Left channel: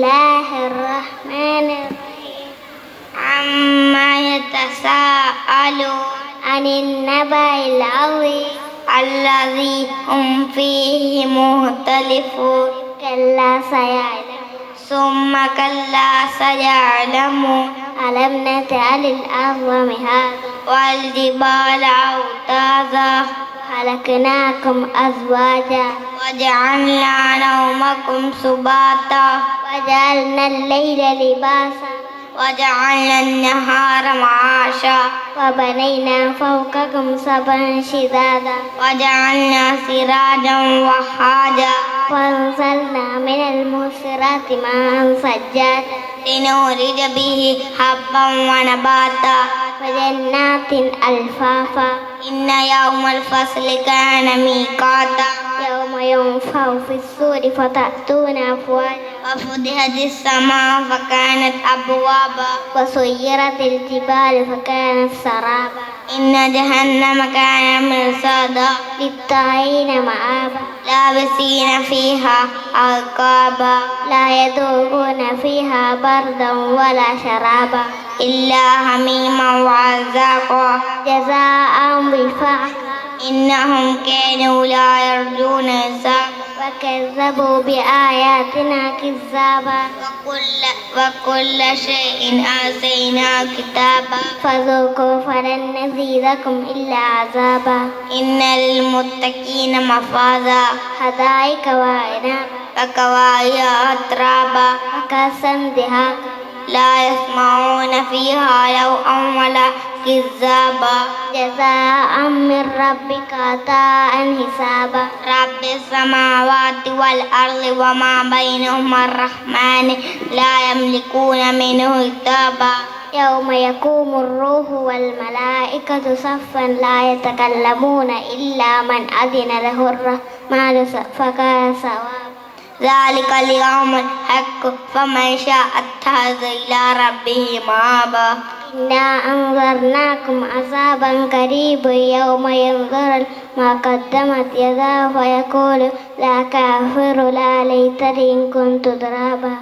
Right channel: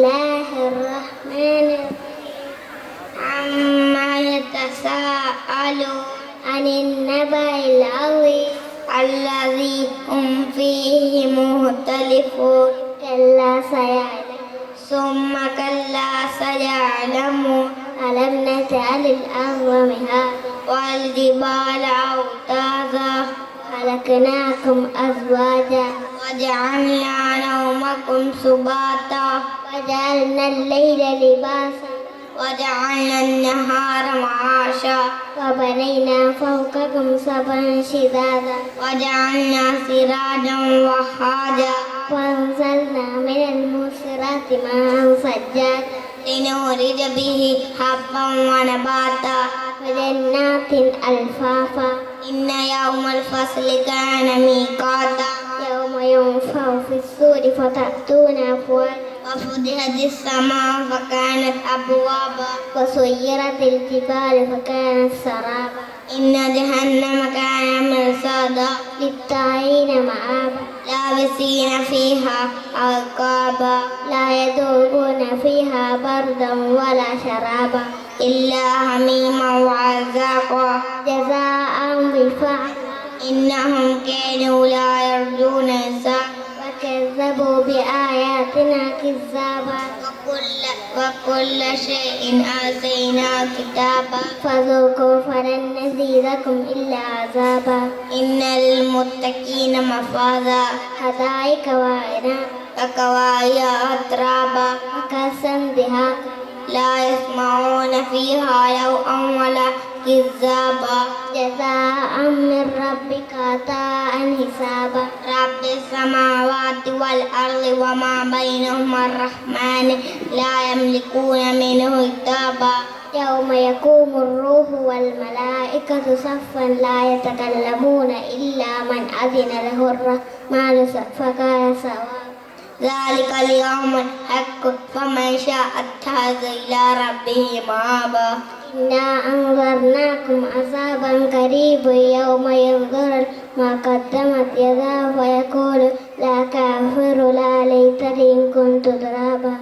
الله الرحمن الرحيم عما يتساءلون عن النبأ العظيم الذي هم فيه مختلفون كلا سيعلمون ثم كلا سيعلمون ألم نجعل الأرض مهادا والجبال أوتادا خلقناكم أزواجا وجعلنا نومكم سباتا وجعلنا الليل لباسا وجعلنا النهار معاشا وبنينا فوقكم سبعا شدادا وجعلنا سراجا وهاجا وأنزلنا من المعصرات ماء ثجاجا لنخرج به حبا ونباتا وجنات ألفافا إن يوم الفصل كان ميقاتا يوم ينفخ في الصور فتأتون أفواجا وفتحت السماء فكانت أبوابا وسيرت الجبال فكانت سرابا إن جهنم كان مرصادا للطاغين مآبا لابسين فيها أحقابا لا يذوقون فيها بردا ولا شرابا إلا حميما وغساقا جزاء وفاقا إنهم كانوا لا يرجون حسابا وكذبوا بآياتنا كذابا وكل شيء أحصيناه كتابا فذوقوا فلن نزيدكم إلا عذابا إن للمتقين مفازا حدائق وعنبا وكواعب أترابا وكأسا دهاقا لا يسمعون فيها لغوا ولا كذابا جزاء من ربك عطاء حسابا رب السماوات والأرض وما بينهما الرحمن لا يملكون منه كتابا يوم يقوم الروح والملائكة صفا لا يتكلمون إلا من أذن له الرحمن فقال صوابا ذلك اليوم الحق فمن شاء اتخذ إلى ربه مآبا إنا أنذرناكم عذابا قريبا يوم ينظر ما قدمت يداه ويقول لا كافر لا ليتني إن كنت ترابا